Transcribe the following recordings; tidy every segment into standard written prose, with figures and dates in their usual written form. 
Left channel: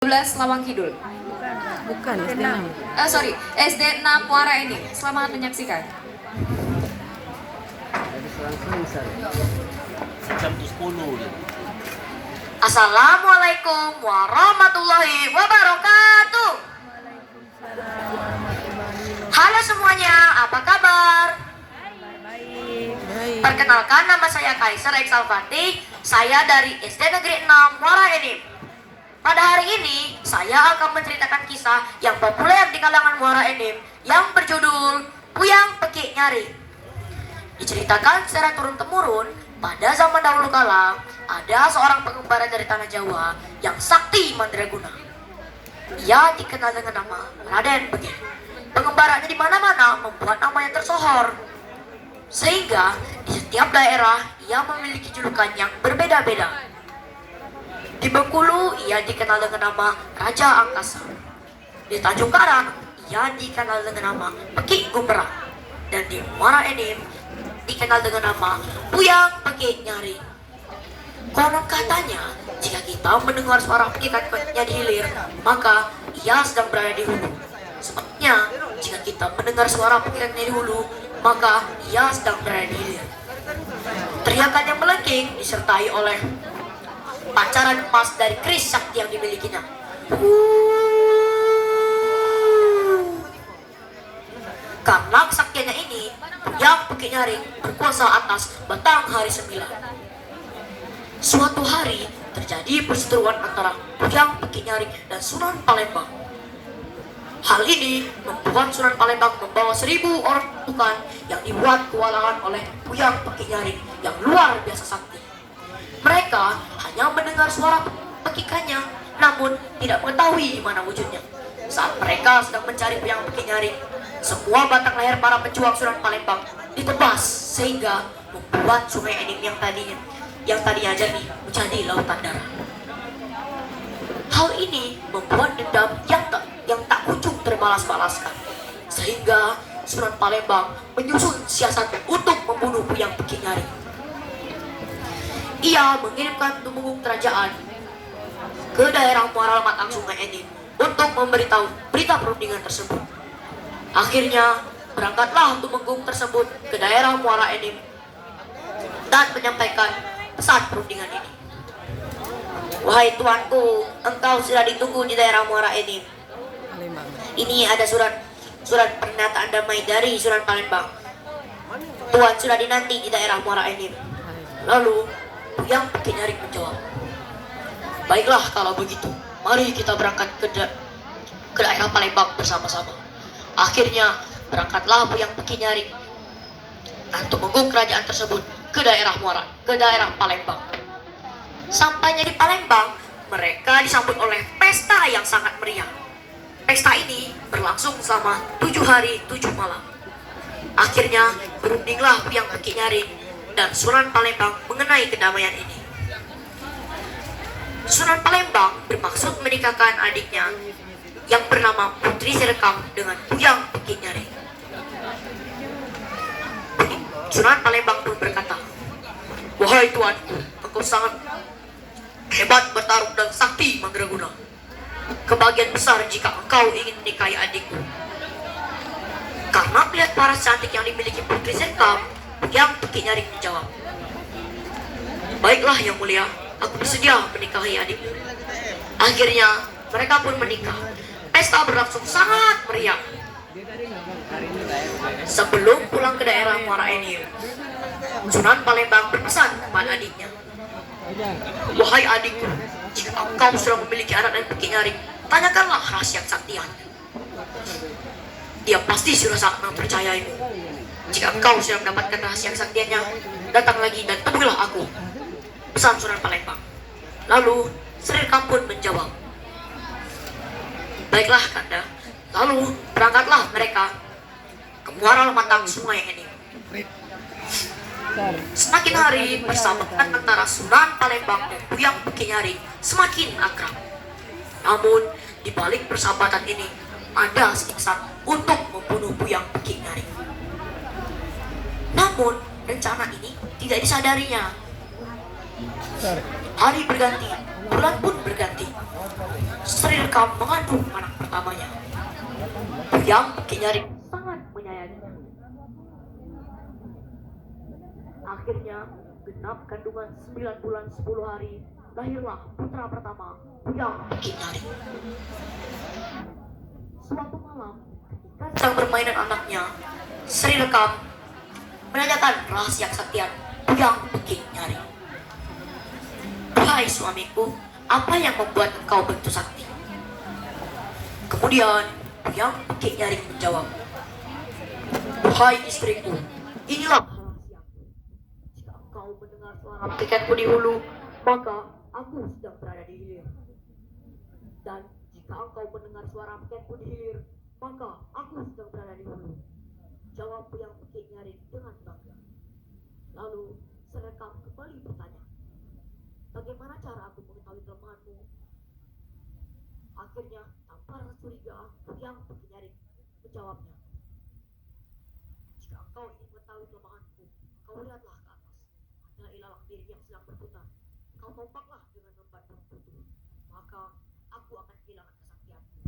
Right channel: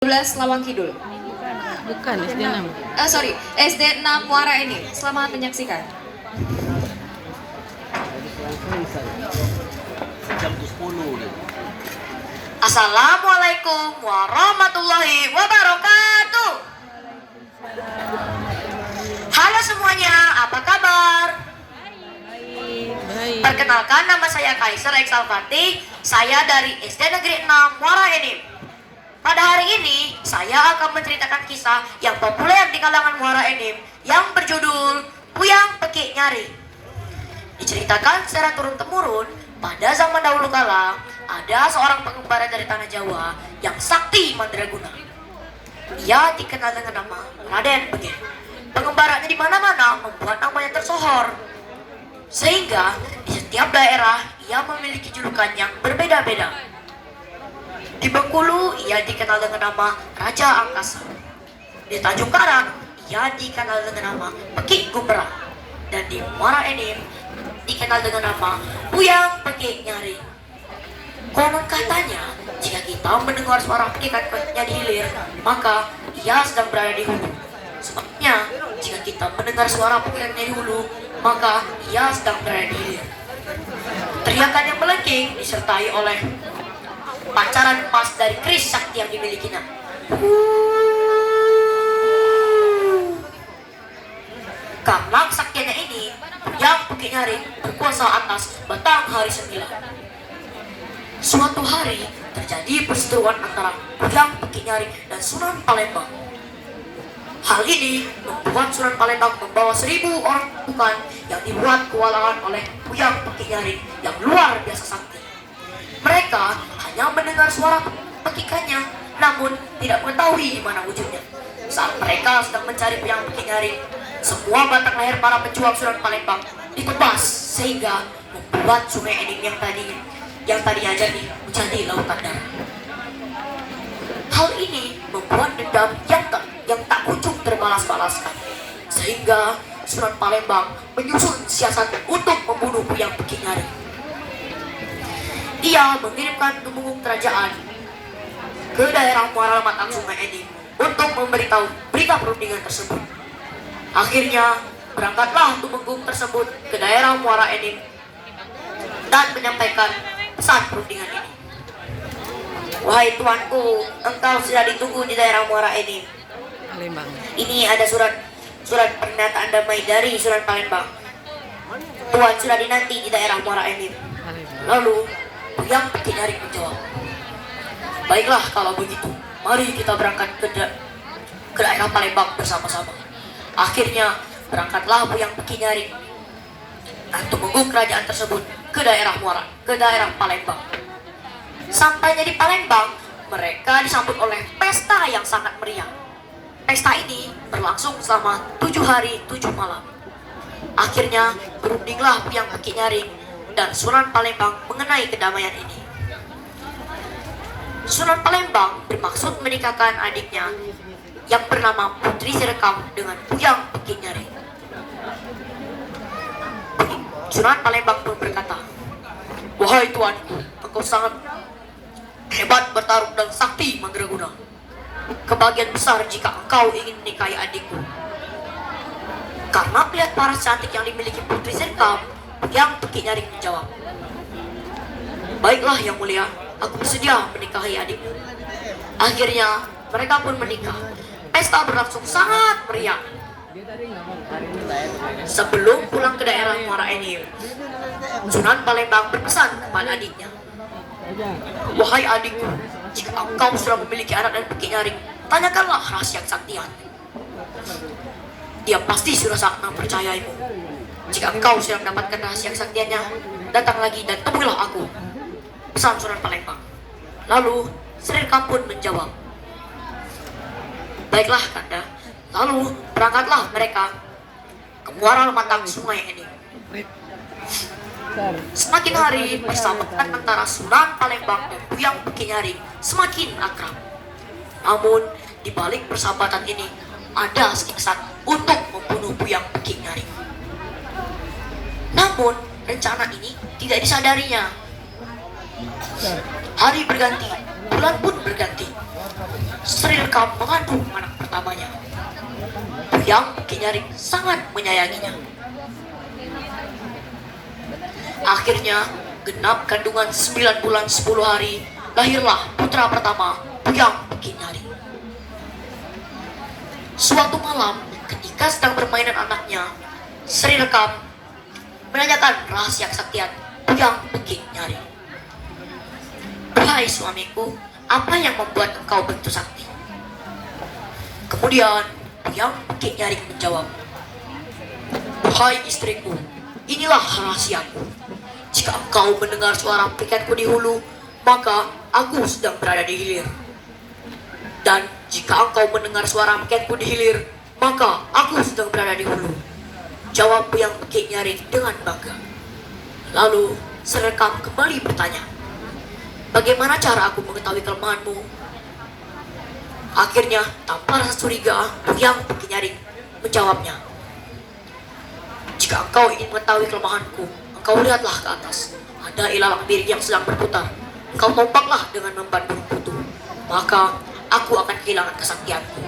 12 Lawang Kidul. Bukan SD 6. Sorry, SD 6 Muara ini. Selamat menyaksikan. Assalamualaikum warahmatullahi wabarakatuh. Halo semuanya, apa kabar? Baik. Perkenalkan, nama saya Kaiser Exalfati. Saya dari SD Negeri 6 Muara Enim. Pada hari ini, saya akan menceritakan kisah yang populer di kalangan Muara Enim yang berjudul Puyang Peki Nyari. Diceritakan secara turun-temurun, pada zaman dahulu kala, ada seorang pengembara dari tanah Jawa yang sakti mandraguna. Ia dikenal dengan nama Raden Bege. Pengembaranya di mana-mana membuat namanya tersohor. Sehingga di setiap daerah ia memiliki julukan yang berbeda-beda. Di Bengkulu ia dikenal dengan nama Raja Angkasa. Di Tanjung Karang ia dikenal dengan nama Peki Gumbera. Dan di Muara Enim dikenal dengan nama Puyang Peki Nyari. Konon katanya, jika kita mendengar suara pekikannya di hilir, maka ia sedang berada di hulu. Sebabnya, jika kita mendengar suara pekikannya di hulu, maka ia sedang berada di hilir. Teriakan yang melengking disertai oleh pancaran emas dari keris sakti yang dimilikinya. Karena kesaktiannya ini, Puyang Peki Nyari berkuasa atas Batanghari 9. Suatu hari terjadi perseteruan antara Puyang Peki Nyari dan Sunan Palembang. Hal ini membuat Sunan Palembang membawa 1000 orang pasukan yang dibuat kewalahan oleh Puyang Peki Nyari yang luar biasa sakti. Mereka hanya mendengar suara pekikannya, namun tidak mengetahui di mana wujudnya. Saat mereka sedang mencari Puyang Peki Nyari, semua batang leher para pejuang Sunan Palembang ditebas sehingga membuat Sungai Enim yang tadinya jernih menjadi lautan darah. Hal ini membuat dendam yang tak kunjung terbalas-balaskan, sehingga Sunan Palembang menyusun siasat untuk membunuh Puyang Peki Nyari. Ia mengirimkan tumenggung kerajaan ke daerah Muara Lematang Sungai Enim untuk memberitahu berita perundingan tersebut. Akhirnya berangkatlah tumenggung tersebut ke daerah Muara Enim dan menyampaikan pesan perundingan ini. Wahai tuanku, engkau sudah ditunggu di daerah Muara Enim. Palembang. Ini ada surat pernyataan damai dari Sunan Palembang. Tuan sudah dinanti di daerah Muara Enim. Lalu Puyang Peki Nyari menjawab, baiklah kalau begitu, mari kita berangkat ke daerah Palembang bersama-sama. Akhirnya berangkatlah Puyang Peki Nyari dan tumenggung kerajaan tersebut ke daerah Palembang. Sampainya di Palembang, mereka disambut oleh pesta yang sangat meriah. Pesta ini berlangsung selama 7 hari 7 malam. Akhirnya berundinglah Puyang Peki Nyari dan Sunan Palembang mengenai kedamaian ini. Sunan Palembang bermaksud menikahkan adiknya yang bernama Putri Serekam dengan Puyang Peki Nyari. Sunan Palembang pun berkata, wahai tuanku, engkau sangat hebat bertarung dan sakti mandraguna. Kebahagiaan besar jika engkau ingin menikahi adikku. Karena melihat paras cantik yang dimiliki Putri Serekam, Puyang Peki Nyari menjawab, baiklah yang mulia, aku bersedia menikahi adikmu. Akhirnya mereka pun menikah. Pesta berlangsung sangat meriah. Sebelum pulang ke daerah Muara Enim, Sunan Palembang berpesan kepada adiknya, wahai adikku, jika engkau sudah memiliki anak dan Peki Nyari, tanyakanlah rahasia kesaktian. Dia pasti sudah sangat mempercayaimu. Jika engkau sudah mendapatkan rahasia kesaktiannya, datang lagi dan temuilah aku, pesan Sunan Palembang. Lalu Serekam pun menjawab, baiklah Kanda. Lalu berangkatlah mereka ke Muara Lematang Sungai Enim. Semakin hari persahabatan antara Sunan Palembang dan Puyang Peki Nyari semakin akrab. Namun di balik persahabatan ini ada siasat untuk membunuh Puyang Peki Nyari. Namun rencana ini tidak disadarinya. Hari berganti, Bulan pun berganti. Sri Rekam mengandung anak pertamanya. Yang Kinyaring sangat menyayanginya. Akhirnya, genap kandungan 9 bulan 10 hari, lahirlah putra pertama, Yang Kinyaring. Suatu malam, ketika sedang bermain dengan anaknya, Sri Rekam menanyakan rahasia kesaktian Yang Kinyaring. "Hai suamiku, apa yang membuat engkau begitu sakti?" Kemudian Yang Kinyaring menjawab, "Hai istriku, inilah rahasiaku. Jika engkau mendengar suara piketku di hulu, maka aku sedang berada di hilir. Dan jika engkau mendengar suara piketku di hilir, maka aku sedang berada di hulu." Jawab Yang Kinyaring dengan bangga. Lalu Sri Rekam kembali bertanya, "Bagaimana cara aku mengetahui kelemahanmu?" Akhirnya, tanpa rasa curiga, Yang Kinyaring menjawabnya, "Jika engkau ingin mengetahui kelemahanku, engkau lihatlah ke atas. Ada ilalang miring yang sedang berputar. Engkau tompaklah dengan memban burung kutu. Maka aku akan kehilangan kesaktianku."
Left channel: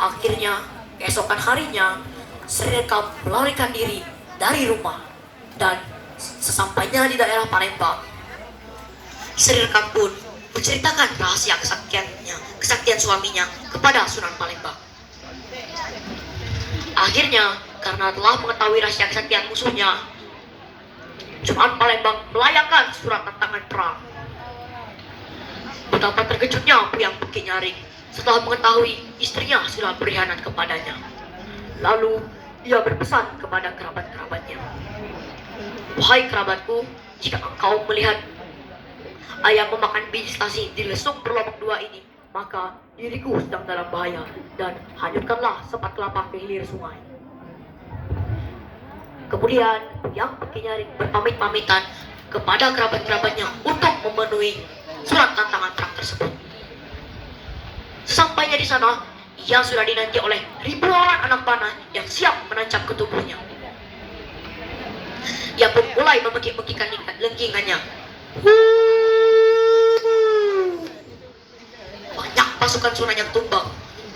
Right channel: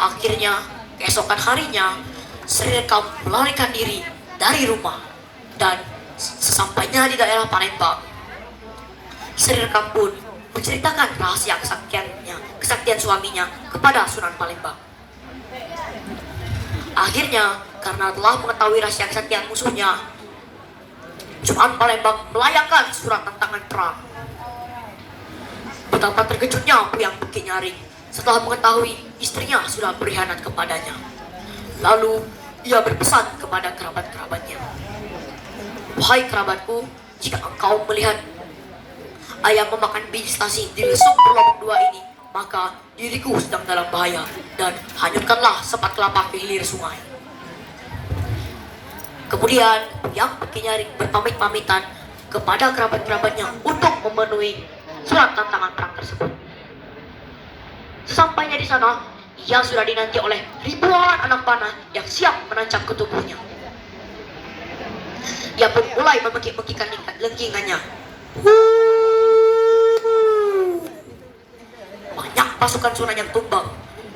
Akhirnya, keesokan harinya, Sri Rekam melarikan diri dari rumah. Dan sesampainya di daerah Palembang, Sri Rekam pun menceritakan rahasia kesaktian suaminya kepada Sunan Palembang. Akhirnya, karena telah mengetahui rahasia kesaktian musuhnya, Sunan Palembang melayangkan surat tantangan perang. Betapa terkejutnya Yang Kinyaring setelah mengetahui istrinya sudah berkhianat kepadanya. Lalu ia berpesan kepada kerabat-kerabatnya, "Wahai kerabatku, jika engkau melihat ayam memakan biji stasi di lesung berlobak 2 ini, maka diriku sedang dalam bahaya, dan hanyutkanlah sepat kelapa ke hilir sungai." Kemudian Yang Kinyaring berpamit-pamitan kepada kerabat-kerabatnya untuk memenuhi surat tantangan perang tersebut. Sampainya di sana, ia sudah dinanti oleh ribuan anak panah yang siap menancap ke tubuhnya. Ia pun mulai memekik-mekikkan lengkingannya. Banyak pasukan Sunan yang tumbang.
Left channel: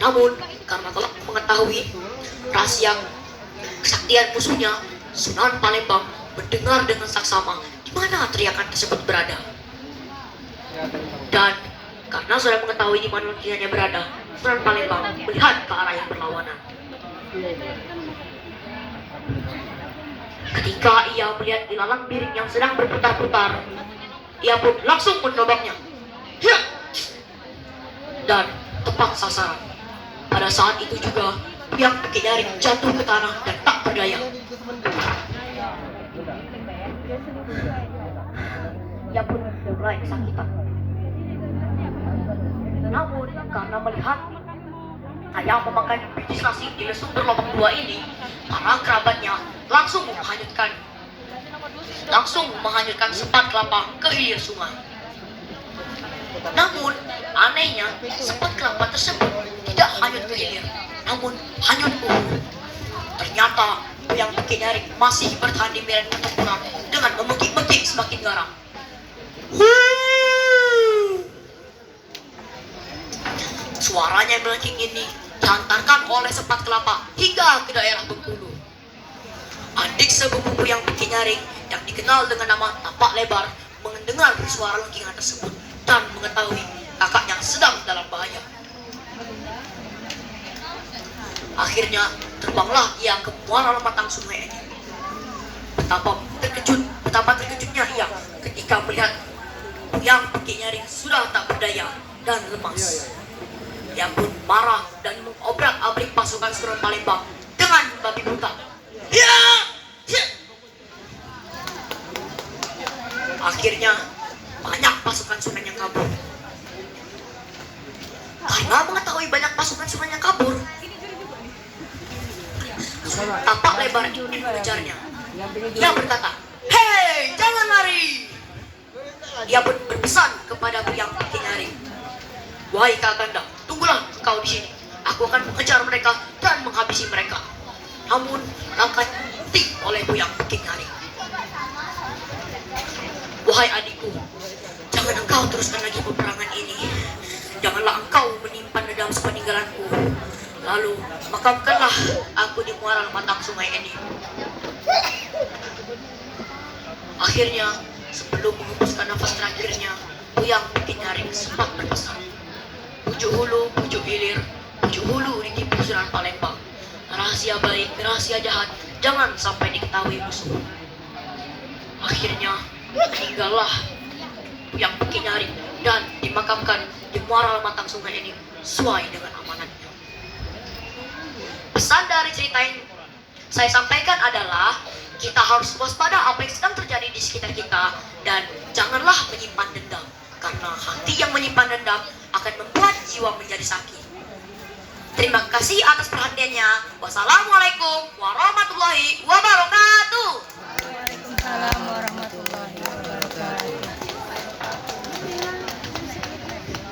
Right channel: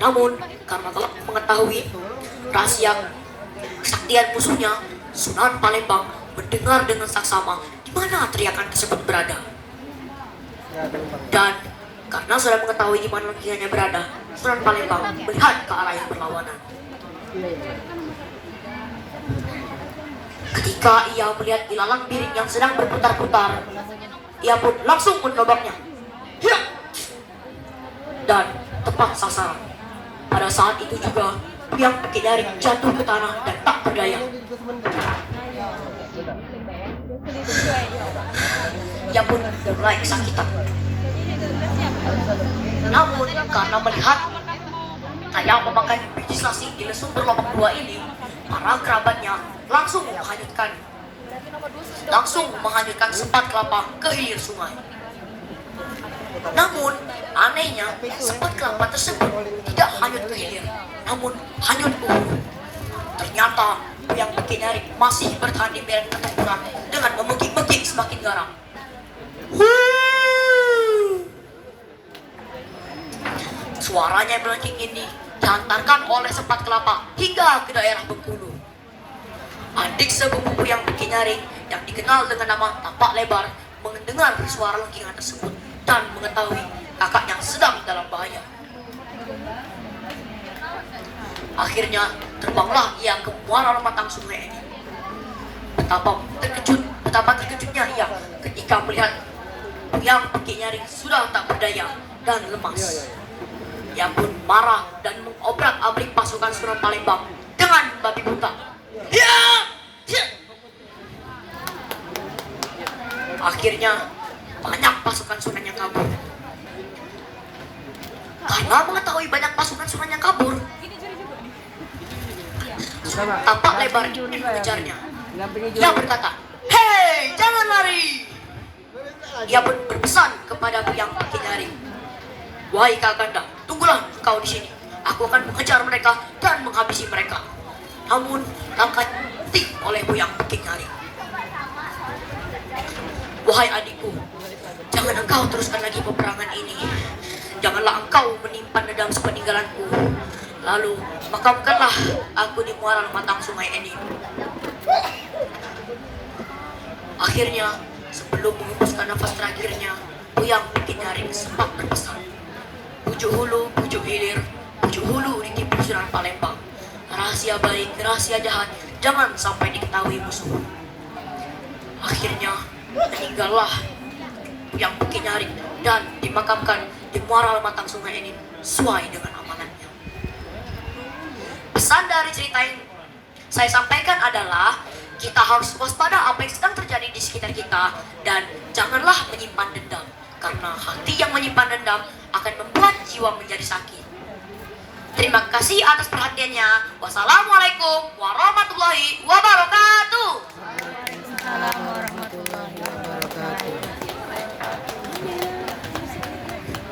Namun, karena telah mengetahui rahasia kesaktian musuhnya, Sunan Palembang mendengar dengan saksama di mana teriakan tersebut berada. Dan karena sudah mengetahui di mana lengkingannya berada, Sunan Palembang melihat ke arah yang berlawanan. Ketika ia melihat ilalang miring yang sedang berputar-putar, ia pun langsung menobaknya. Dan tepat sasaran. Pada saat itu juga, Yang Kinyaring jatuh ke tanah dan tak berdaya. Ia pun mulai kesakitan. Namun karena melihat ayam memakan biji stasi di lesung berlobak 2 ini, para kerabatnya langsung menghanyutkan sepat kelapa ke hilir sungai. Namun anehnya, sepat kelapa tersebut tidak hanyut ke hilir, namun hanyut ke hulu. Ternyata Yang Kinyaring masih bertahan di medan pertempuran dengan memekik-mekik semakin garang. Suaranya melengking ini dihantarkan oleh sepat kelapa hingga ke daerah Bengkulu. Adik sepupu Yang Kinyaring yang dikenal dengan nama Tapak Lebar mendengar suara lengkingan tersebut dan mengetahui kakaknya sedang dalam bahaya. Akhirnya terbanglah ia ke muara Lematang Sungai ini. Betapa terkejutnya ia ketika melihat Yang Kinyaring sudah tak berdaya dan lemas. Ia pun marah dan mengobrak-abrik pasukan Sunan Palembang dengan babi buta. Akhirnya banyak pasukan Sunan yang kabur. Karena mengetahui banyak pasukan Sunan yang kabur, Tapak Lebar ini mengejarnya. Ia berkata, "Hei, jangan lari!" Ia pun berpesan kepada Yang Kinyaring, "Wahai Kakanda, tunggulah engkau di sini. Aku akan mengejar mereka dan menghabisi mereka." Namun akan oleh Yang Kinyaring. "Wahai adikku, Jangan engkau teruskan lagi peperangan ini. Janganlah engkau menyimpan dendam sepeninggalanku. Lalu makamkanlah aku di muara matang sungai ini. Akhirnya, sebelum menghembuskan nafas terakhirnya, Buyang Kinyaring sempat berpesan. Pucuk hulu, pucuk hilir, pucuk hulu di Pusuran Palembang. Rahasia baik, rahasia jahat, jangan sampai diketahui musuh. Akhirnya, meninggallah Buyang Kinyaring dan dimakamkan di muara matang sungai ini sesuai dengan amanatnya. Pesan dari cerita yang saya sampaikan adalah kita harus waspada apa yang sedang terjadi di sekitar kita dan janganlah menyimpan dendam, karena hati yang menyimpan dendam akan membuat jiwa menjadi sakit. Terima kasih atas perhatiannya. Wassalamualaikum warahmatullahi wabarakatuh. Waalaikumsalam warahmatullahi wabarakatuh.